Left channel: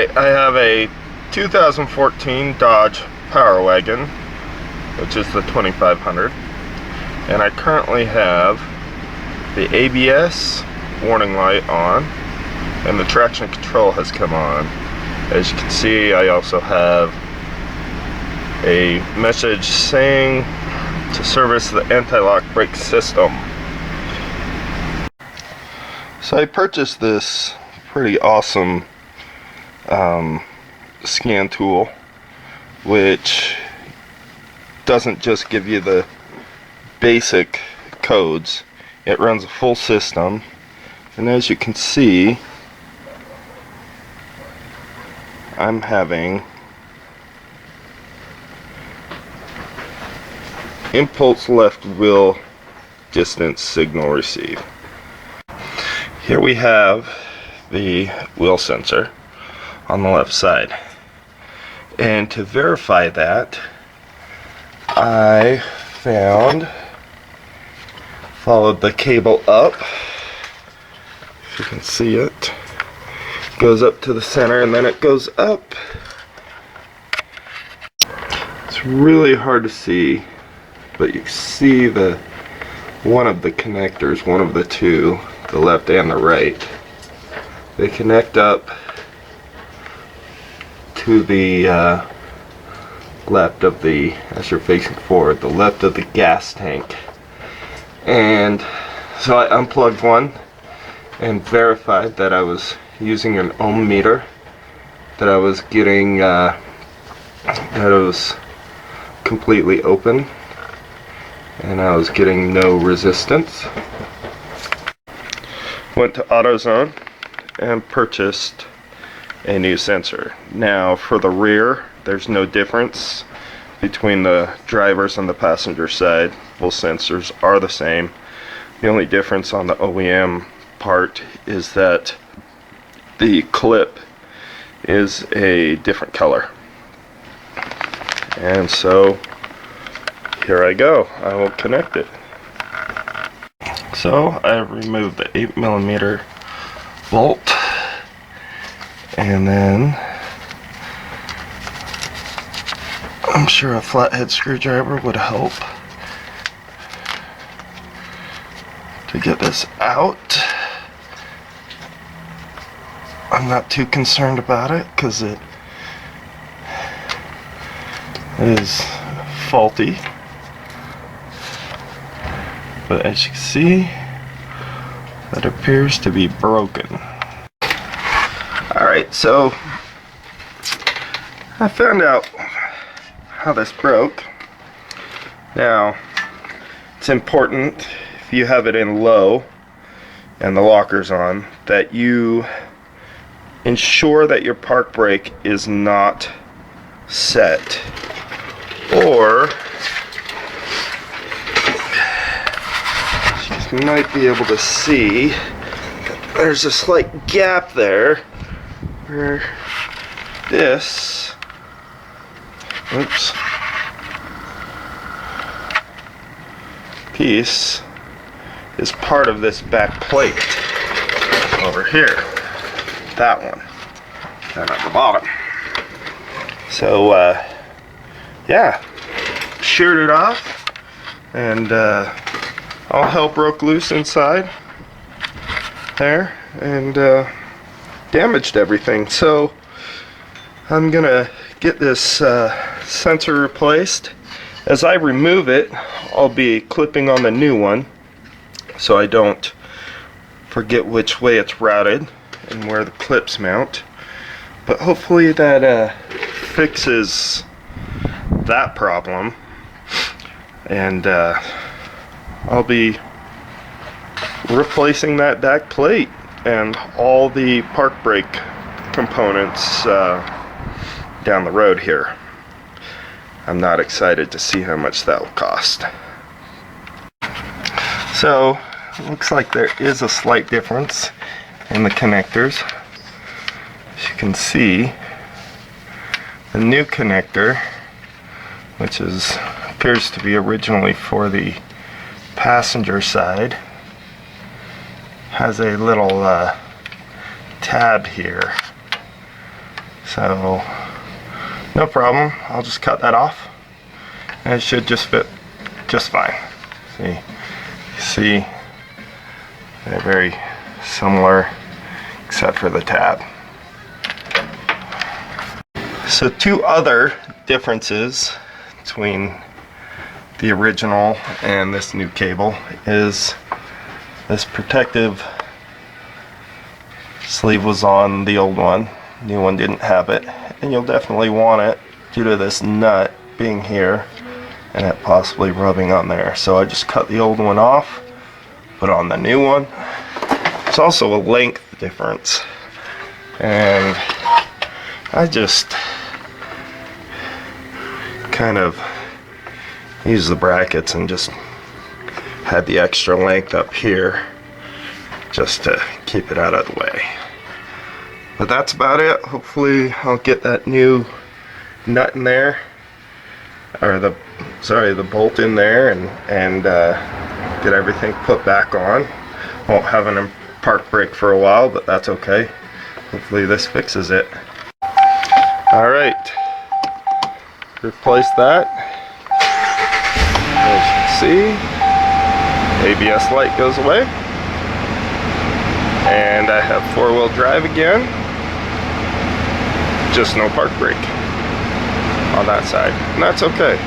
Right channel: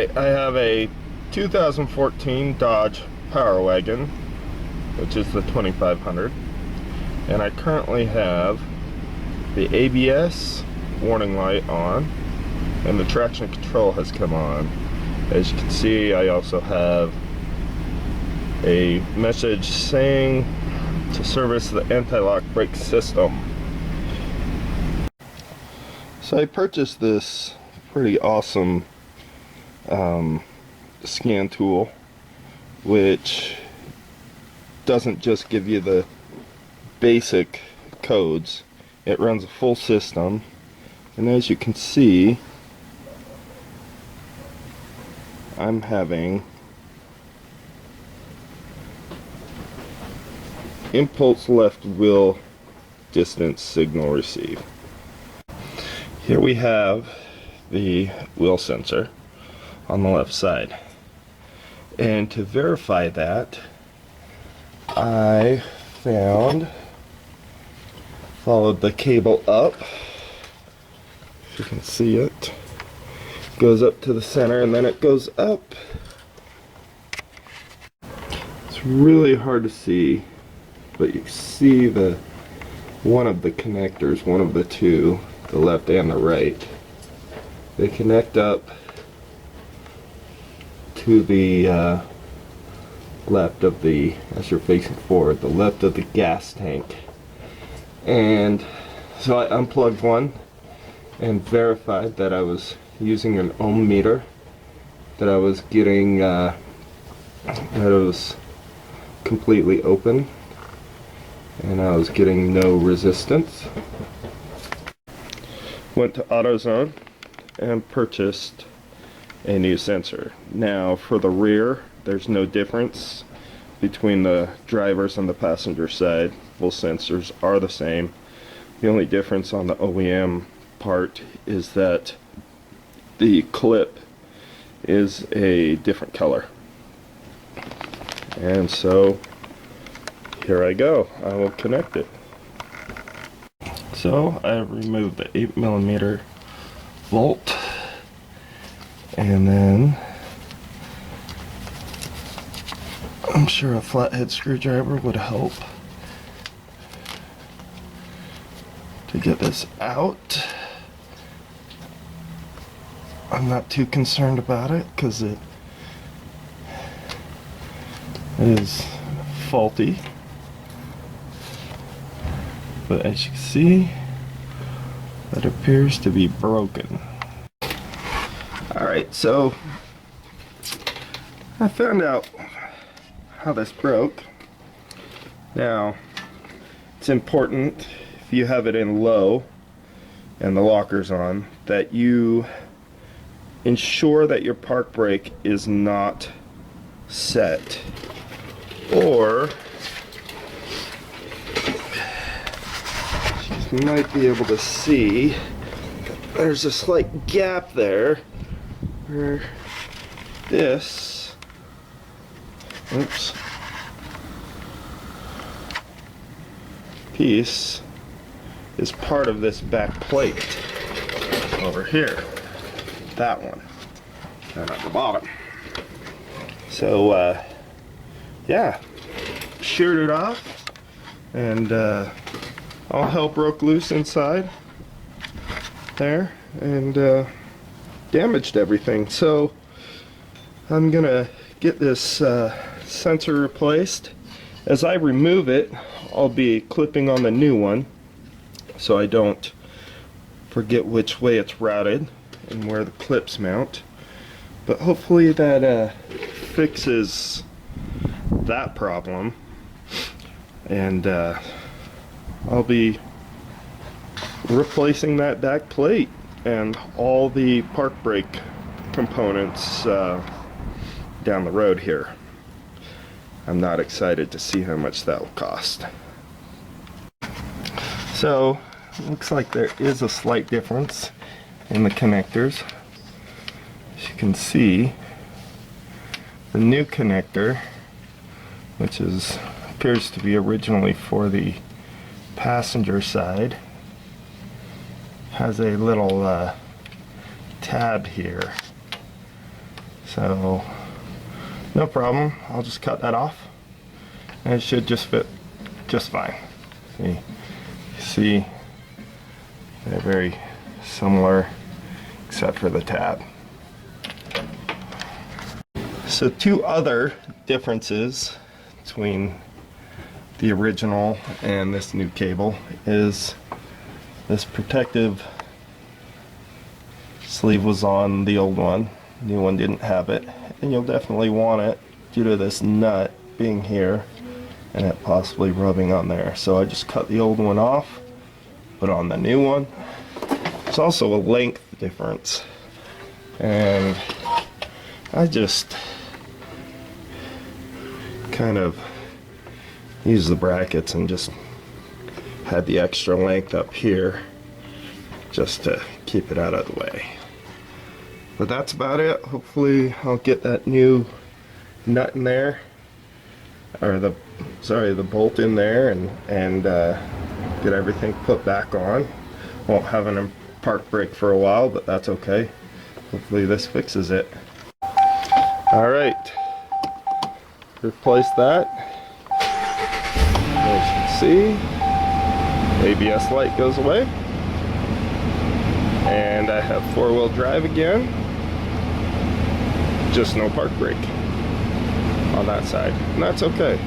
Alright, I have a 2014 Dodge Power Wagon, which is the 2500, and I currently have the ABS warning light on, and the traction control has come on. As you can see, I also have a message saying to service the anti-lock brake system. So I purchased this pretty awesome scan tool, which doesn't just give you the basic codes, it runs a full system, and as you can see, I'm having impulse left wheel distance signal receive. Here we have the wheel sensor on the left side, and to verify that, I followed the cable up. If you can see it, goes up to the center and then it goes up. It's really hard to see, but you see one of the connectors, one of the two, the left and the right, they connect up to the left of the, as you're facing forward, the left of the gas tank. And so I unplugged one and verified that I was using an ohm meter, that I was getting that it was completely open and I was getting no resistance. Went to AutoZone and purchased a new sensor. Now for the rear, there's no difference between the driver's and the passenger side. Both sensors are the same. The only difference on the OEM part is that the clip is a different color. And so here I go. I will connect it. So I removed the 8mm bolt, and then I'm sure a flathead screwdriver would help to get this out. I'm not too concerned about it because it is faulty, but as you can see, that appears to be broken. Alright, so I found out how this broke. Now, it's important, if you have it in low and the locker's on, that you ensure that your park brake is not set, or you might be able to see that there's a slight gap there where this, oops, piece is part of this back plate over here. That one, and at the bottom. So yeah, sheared it off, and all hell broke loose inside there, and damaged everything. So I'm gonna get this sensor replaced. As I remove it, I'll be clipping on the new one so I don't forget which way it's routed and where the clips mount. But hopefully that fixes that problem, and I'll be replacing that back plate and all the park brake components down the road here. I'm not excited to see how much that will cost. So it looks like there is a slight difference in the connectors. As you can see, the new connector, which appears to be originally for the passenger side, has a little tab here So no problem, I'll just cut that off and it should just fit just fine. See, they're very similar except for the tab. So two other differences between the original and this new cable is this protective sleeve was on the old one, new one didn't have it, and you'll definitely want it due to this nut being here and it possibly rubbing on there. So I just cut the old one off, put on the new one. There's also a length difference, and I just kind of use the brackets and just had the extra length up here just to keep it out of the way. But that's about it. Hopefully I'll get that new nut in there, or the bolt in there, and get everything put back on. Won't have an park brake for a while, but that's okay. Hopefully this fixes it. Alright, replace that. As you can see, ABS light goes away, and I have four-wheel drive again, just no park brake on that side, and that's okay.